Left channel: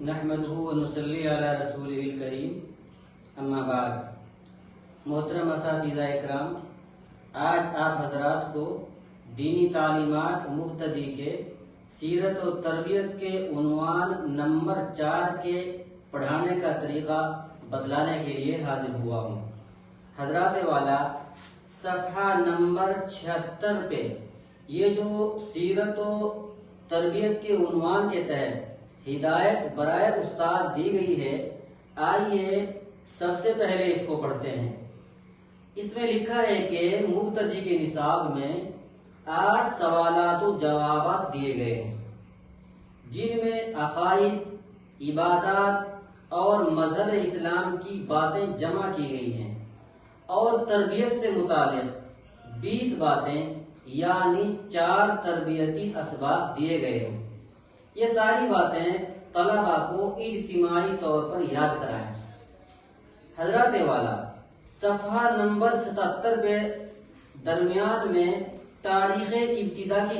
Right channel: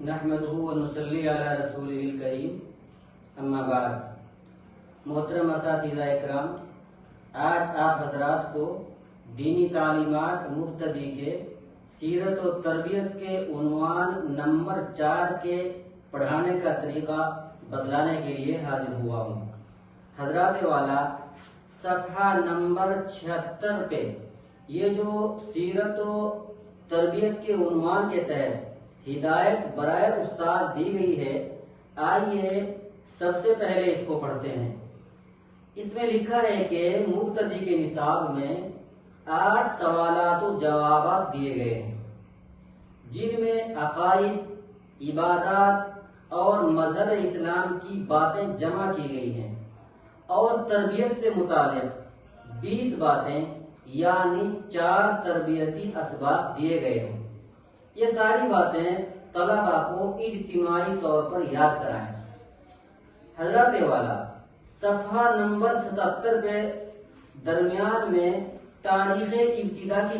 نحمدہ و نصلی علی رسولہ الکریم، اما بعد۔ محترم اساتذہ اکرام، آج آپ حضرات کو دینی تعلیمات مبتدی کے سیرت و تربیت کے عنوان نمبر 4 کے پڑھانے کا طریقہ بتلانے کے لیے حاضر ہوا ہوں۔ حضرات والا، صفحہ نمبر 76 پہ یہ جو سیرت و تربیت کے عنوان کے تحت ہدایت برائے استاد دی گئی ہے، آئیے سب سے پہلے اس کو پڑھتے ہیں۔ اس میں لکھا ہے کہ مبتدی کے نصاب میں 8 سوالات و جوابات دیے گئے ہیں، جن میں عقائد، عبادات اور مذہب اسلام کی باتیں جمع کی گئی ہیں، اور تربیت سے متعلق 20 باتیں یعنی 4 تربیتی اسباب دیے گئے ہیں۔ یہ ساری باتیں طلباء کو اجتماعی طور پر یاد کرائیں۔ حضرات والا، صفحہ نمبر 77 پہ درمیان میں تاریخ ابتدا کی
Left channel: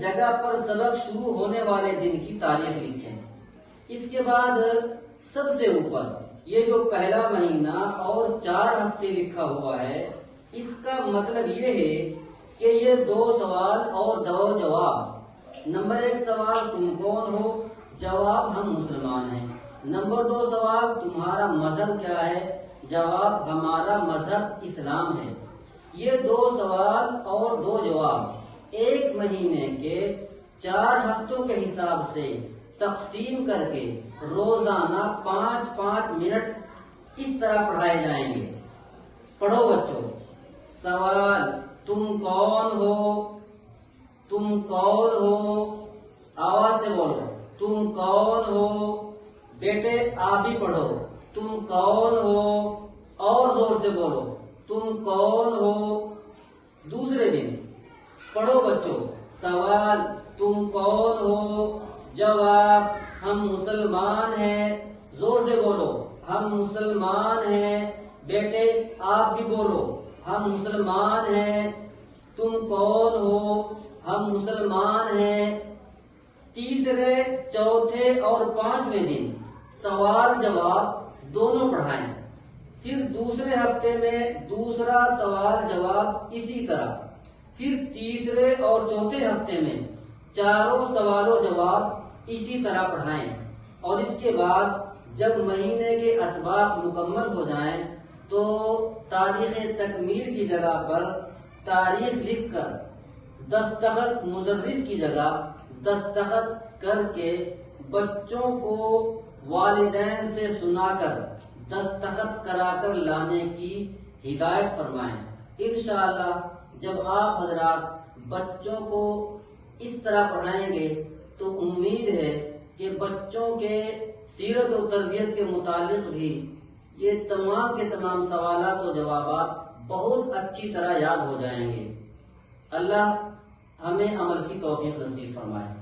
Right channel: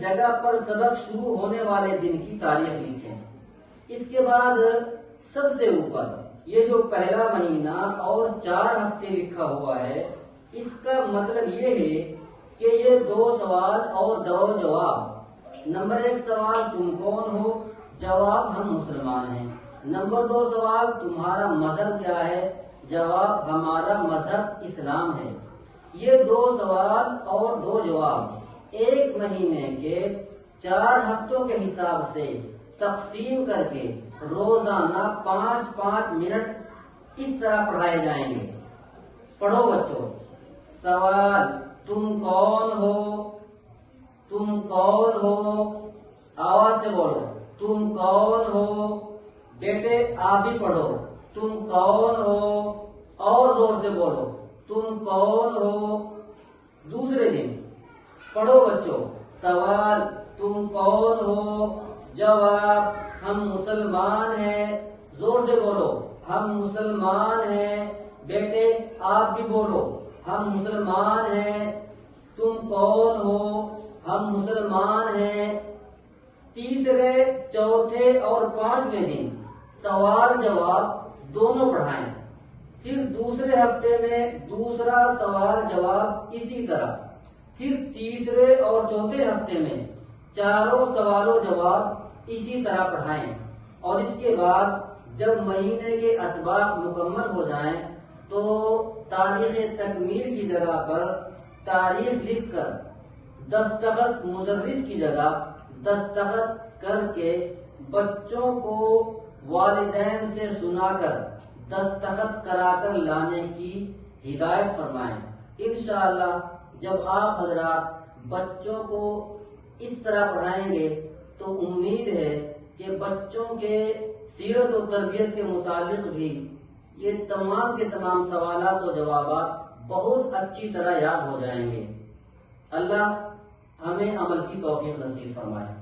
جگہ پر سبق شروع ہونے والے دن کی تاریخ لکھیں۔ اس کے بعد سب سے اوپر یہ جو پہلا مہینہ اور 4 ہفتے لکھا ہوا ہے، اس کا مطلب یہ ہے کہ یہ 2 سوال اور 2 جواب۔ نمبر 1 سوال، تم کون ہو؟ جواب، ہم مسلمان ہیں۔ نمبر 2 سوال، تمہارا مذہب کیا ہے؟ جواب، ہمارا مذہب اسلام ہے۔ یہ 2 سوال اور 2 جواب 1 مہینے کے 4 ہفتوں کے حساب سے تقسیم کر کے روزانہ 5-5 منٹ اس طرح پڑھائے جائیں گے۔ پڑھو بچوں۔ سوال، تم کون ہو؟ تم کون ہو؟ آواز سے بولو، تم کون ہو؟ بیٹے آپ بھی پڑھو، تم کون ہو؟ اور زور سے بولو، تم کون ہو؟ دوسرے دن پڑھو بچوں۔ سوال، تم کون ہو؟ جواب، ہم مسلمان ہیں۔ زور سے بولو، ہم مسلمان ہیں۔ بیٹے آپ بھی بولو، ہم مسلمان ہیں۔ تم کون ہو؟ ہم مسلمان ہیں۔ تیسرے، چوتھے اور 5ویں دن سوال جواب دونوں پڑھائیں۔ پھر دوسرے ہفتے میں دوسرا سوال جواب اسی طرح۔ پھر تیسرے اور چوتھے ہفتے میں 4 سوال و جواب اسی طرح پڑھائیں۔ اور اس کے بعد جب مہینے کے اسباق مکمل ہو جائیں تو تاریخ تکمیل کی جگہ پر تاریخ لکھ کر دستخط مدرس کی جگہ دستخط کر کے بچوں کو والدین سے سنا کر دستخط کرا کر لانے کی ہدایت فرمائیں۔ انشاءاللہ جب آپ حضرات بچوں کو اس طرح پڑھائیں گے تو امید ہے کہ بچوں کے سیرت و تربیت کے متعلق بھی یہ تمام کے تمام سوالات و جوابات بہت اچھی طرح یاد ہو جائیں گے۔ اللہ ہمیں عمل کی توفیق نصیب فرمائے۔